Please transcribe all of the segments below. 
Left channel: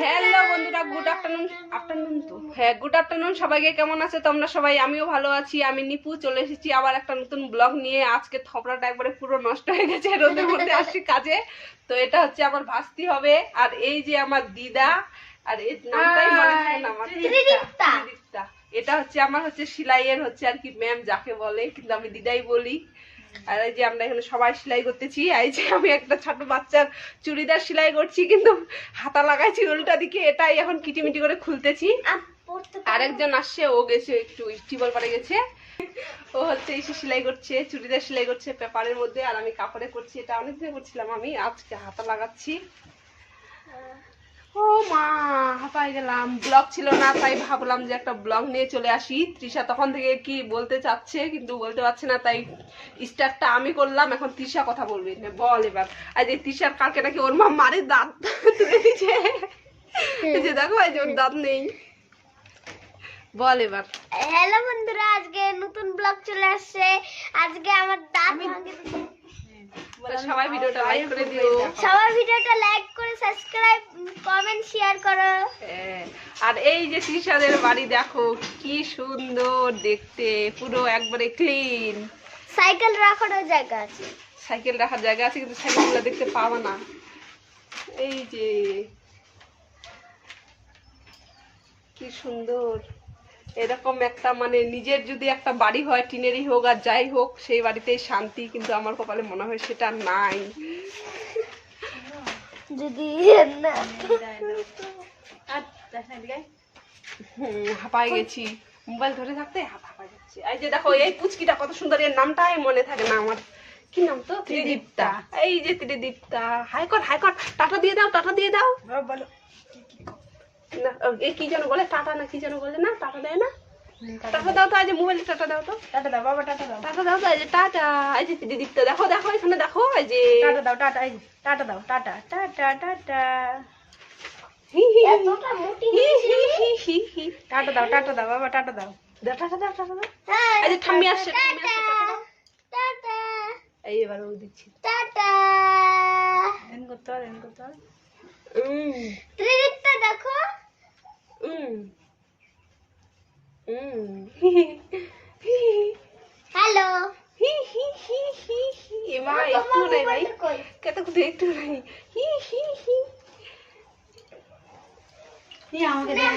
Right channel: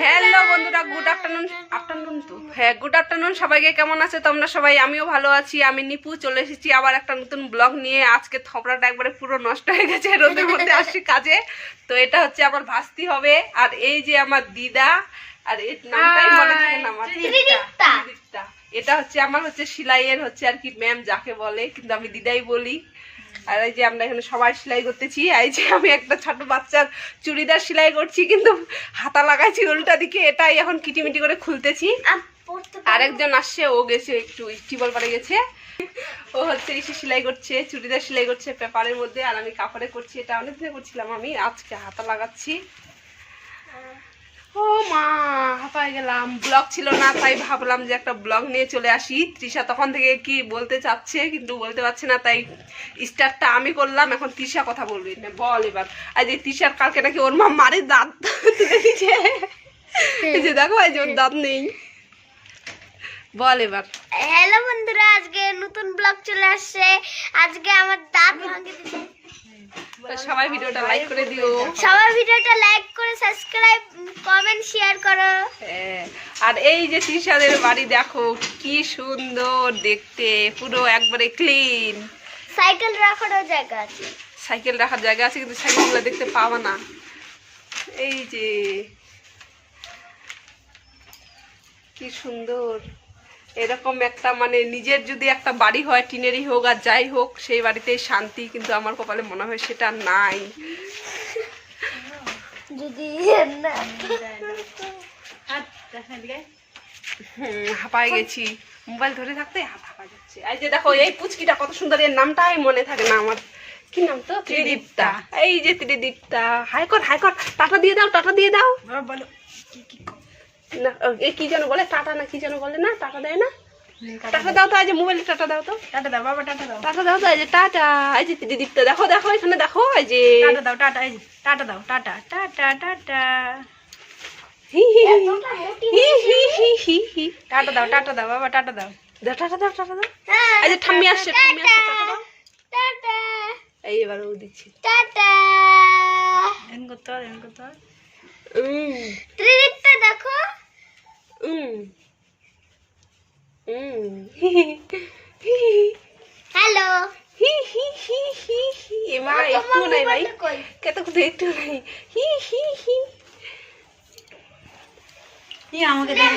Hello বন্ধুরা, good afternoon তো good afternoon সবাইকে। কেমন আছে তোমরা সবাই? আমিও ভালো আছি। আমি নিপু চলে এসেছি আবার একটা নতুন ব্লগ নিয়ে। আজকে থপড়াটা একবারে পুরো নষ্ট হয়ে গেছে, রোদের মধ্যে আসছি কাজে। তো এটা হচ্ছে আমার ভাস্তি হবে, আর এই যে আমার দিদা, আর এর নামটাই মনে থাকে না আমার, ত্রিদীপ্তা। এটা হচ্ছে আমার সেলাইয়ের আর কি ম্যাম যাকে বলে, কিন্তু আমি দিদাই বলি। আর এই যে আমরা এখানে সবাই সেলাই করতেছি। এই যে আমি একটা ছোট বাচ্চার চুড়িদার সেলাই করছি, কিন্তু হাতা লাগাইছি উল্টা দিকে, এটাই এখন কিটিমিটি করে খুলতেছি। আরেকজন আসছে, ও গেছে একটু টিবল পারে গেছে, ও এসে সেলাই করছে, চুড়িদার সেলাই করছে পেপারের মধ্যে, আর আমি কাপড়ে করছি। এটা অনেকদিন করছিলাম, আমি আজকে হাতা লাগাচ্ছি। ও মা, হাঁপায় গেলাম। ব্লগ ছিল না, তাই ভাবলাম যে একটা ব্লগ নিয়ে চলে আসি। তৃষা তখন থেকে কি বলতে চাচ্ছে কিন্তু বলতে পারছে না, তাই স্টার্টটা আমি করলাম। এখন তৃষা কথা বলবে, বল এবার। আর যে তৃষার কালকে নাকি ওর মা মারে দাঁত দেখেছে, এই যে দেখো, এই যে ওর দাঁত নেই। বল এবার। হ্যালো বন্ধুরা, আজকে নতুন ব্লগ চলে আসছে। আজকে আমার দাঁত ভাঙে দিয়েছে। সবাই ভিডিওটা লাইক করে দিও, সবাই ভিডিওটা লাইক করে সাবস্ক্রাইব কমেন্ট শেয়ার করো। আর এই যে তৃষাদের বাড়ি দেখো কি সুন্দর দেখতে, পুরো একবারে ক্লিন। সাইকেল রাখারও জায়গা আছে, সাইকেল রাখার জায়গা আছে, কিন্তু সাইকেলগুলো দেখতে পাবা না। এই যে কি সুন্দর, এরকম একটা মানে নিজের যদি একটা বাড়ি হয়, টিনেরই হোক আর যাই হোক, সেই বাড়িতেই শান্তি। কিন্তু আমার কপালে মনে হয় সেটা নাই। যদি হাঁপায় গেছি, মোবাইল ধরে থাকতে হাঁপায় যাচ্ছে। এই যে দেখো, এই পুচকিটা কত সুন্দর, এর নামটাই মনে থাকে না আমার। কি নাম তো? ত্রিদীপ্তা। এই যে ত্রিদীপ্তা, হাই কর হাই কর, টাটা দিয়ে দাও, টাটা দিয়ে দাও। বলো না, কি যেন বলে, টাটা না কি যেন বলে না, টাটা দেয় না? টাটা দাও তো, এই যে মোবাইলে টাটা দাও তো, টাটা দাও বাবা, টাটা দাও, টাটা দাও তো। এই যে টাটা, এই যে ত্রিদীপ্তা দেখো দেখো, এখানে দেখো, এই যে টাটা দাও, টাটা, এই যে টাটা দাও, টাটা টাটা টাটা, টাটা দাও, টাটা দাও বাবা, টাটা দাও, টাটা দাও, টাটা দাও। এই যে ঠাম্মি আসছে, ঠাম্মি আসছে, টাটা এই এবার ও দিচ্ছি টাটা। এন করতে হয়, এন করতে হয়। ত্রিদীপ্তা দেখো, হ্যালো এমা একটু নাই ভাই, কত কিছু একটু নাই। আমাকে দেখো,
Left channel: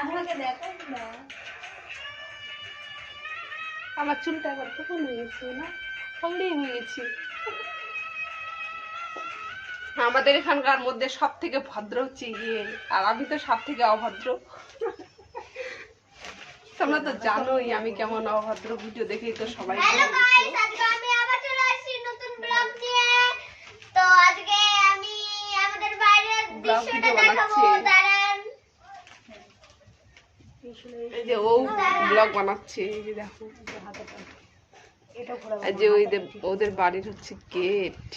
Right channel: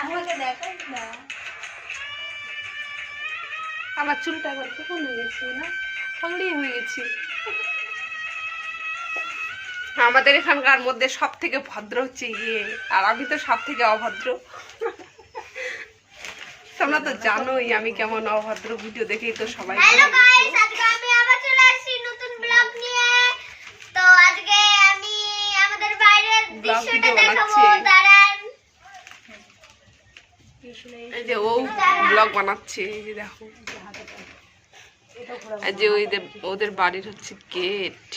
আমাকে দেখো না। আমার চুলটা একবার কেমন হয়ে গেছে না, অলরেডি হয়ে গেছি। আমাদের এখানকার মধ্যে সব থেকে ভদ্র হচ্ছে ইয়ে, আর আমি তো সব থেকে অভদ্র। তোমরা তো জানোই আমি কেমন অভদ্র, ভিডিও দেখেই তো সবাই। হ্যালো গাইস, আজকে আমি আবার চলে আসছি নতুন ব্লগ নিয়ে। তো আজকে আমি আমাদের বাইরের দৃশ্যটা দেখাবো, দাঁড়ান। এই যে ও ব্লগ বানাচ্ছে, এই যে দেখো, এই যে ওদের বাড়ির হচ্ছে গেট।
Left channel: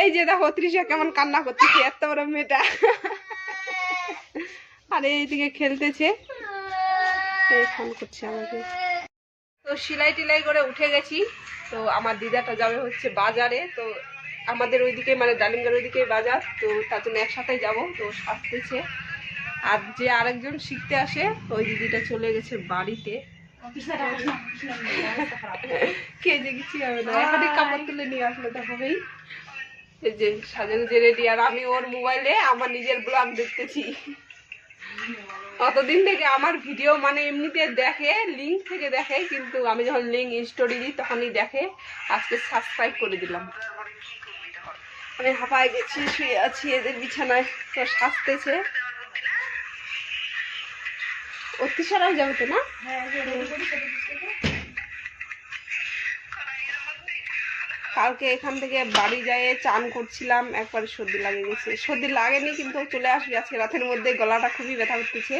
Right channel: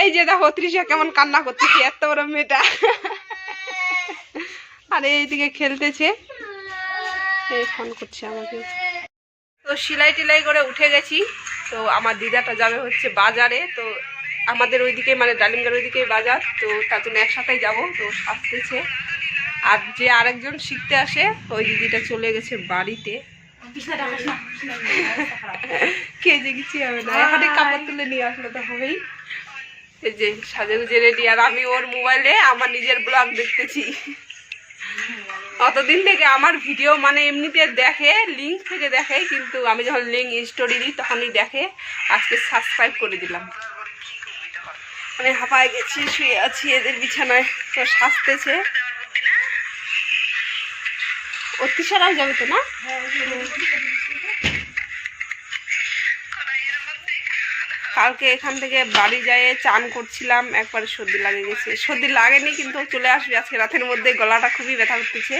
এই যে দেখো তৃষা কেমন কান্না করতেছে, এত বড় মেয়েটা। আর এইদিকে খেলতেছে, ফোন করছে আমাকে। তো সেলাই টেলাই করে উঠে গেছি। তো আমার দিদাটা যাবে হচ্ছে বাজারে, তো আমাদের ওইদিকে মানে ডালিমগড় ওইদিকে বাজার, তো তার জন্য একসাথেই যাবো। তো আসতেছে, আর যে আরেকজন শিখতে আসে ওই দিদিটা চলে গেছে বাড়িতে। কে যে কিছু হবে না, এখানে কাপড় তুলে নিয়ে আসলে তো হবেই। এই যে সাজে গুজে রেডি, আর আমি ওর মোবাইলে আমার নিজের ব্লগ দেখতেছি। অতদিন থেকে আমার ভিডিও মানে এমনিতে দেখে, লিঙ্ক থেকে দেখে, কিন্তু আমি যখন লিঙ্ক স্টোরি দিই তখনই দেখে। আজকে সাবস্ক্রাইব করে দিলাম। আমি হাঁপায় গেছি, শুয়ে আছি এদের বিছানায়, তো সাজতেছে। অতিসারাও যাবে তো না? কালকে এখান থেকে বাড়ি যেয়ে চান করছিলাম, একবারে সর্দি লাগে গেছে। সর্দি লাগেনি, কিন্তু চলে আসবে আজকে রাতের মধ্যে, গলাটা খুবই ব্যথা করতেছে।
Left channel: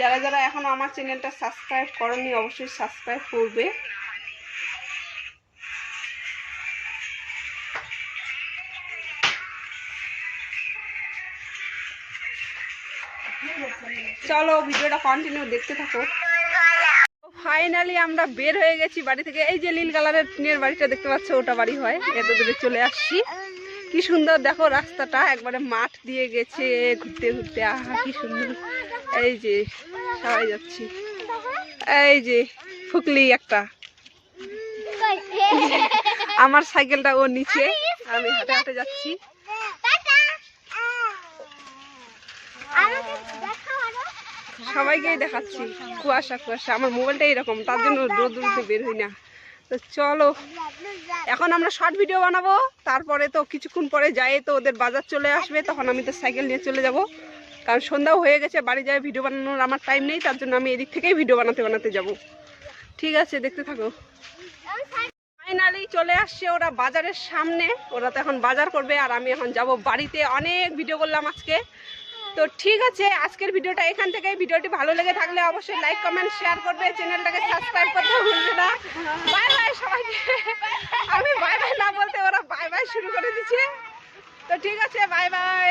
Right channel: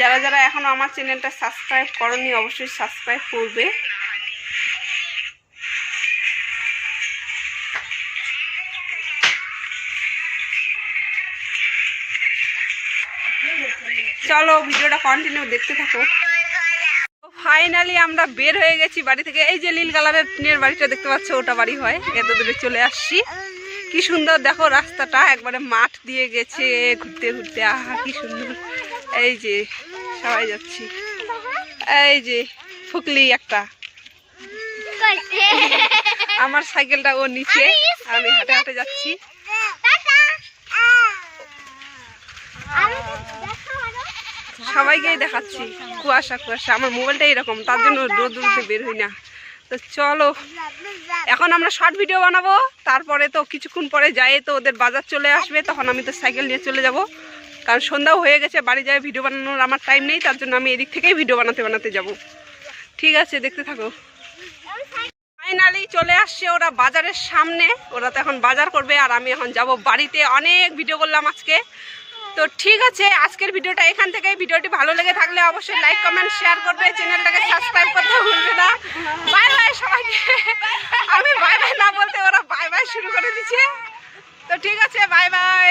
যারা যারা এখনো আমার চ্যানেলটা সাবস্ক্রাইব করনি অবশ্যই সাবস্ক্রাইব করবে। চলো ভিডিওটা কন্টিনিউ দেখতে থাকো। ফাইনালি আমরা বের হয়ে গেছি বাড়ি থেকে। এই যে নীল কালারের টিনের বাড়িটা দেখতে পাচ্ছ, ওটা বাড়ি হয়। এত দূরে চলে আসছি। কি সুন্দর দেখো রাস্তাটা, একবারে মাঠ দিয়ে গেছে ঘুরতে ঘুরতে। আহা কি সুন্দর। এই যে সবাই যাচ্ছি। এই যে ফুকলি একটা, আমার সাইকেলটা ও নিচে, আমি হাঁটে হাঁটে যাচ্ছি। সবাইকেই দেখাচ্ছি। কুয়াশা কুয়াশা, আমার মোবাইলটা এরকম, তার জন্য রোদে বের হই না। তো চলো এখন আমরা শর্ট ভিডিও বানাবো, তারপরে তো কিছুক্ষণ পরে যাই তো ওদের বাজার চলে আসবে, তখন আমি তো সাইকেল নিয়ে চলে যাব, কারণ সন্ধ্যাও হয়ে গেছে। বাড়ি যাই ভিডিও বানানোর আমার টাইম নেই, তার জন্য আমি এদিক থেকেই ভিডিও বানাতে বানাতে যাব। ঠিক আছে, দেখতে থাকো। ফাইনালি চলে আসছে ওরা বাজারের সামনে। ওরা তো এখন বাজার করবে আর আমি এখন যাব বাড়িতে। অনেক ভিডিও করলাম আজকে। তো ঠিক আছে, আজকের ভিডিওটা এখান থেকেই। ভিডিওটি ভালো লেগে থাকলে অবশ্যই লাইক কমেন্ট শেয়ার করবে, চ্যানেলটাকে সাবস্ক্রাইব করতে ভুলবে না। বাই বাই সবাইকে। আমি বাই বাই না বলতে ওরা বাই বাই শুরু করে দিচ্ছে। তো ঠিক আছে, বাই বাই।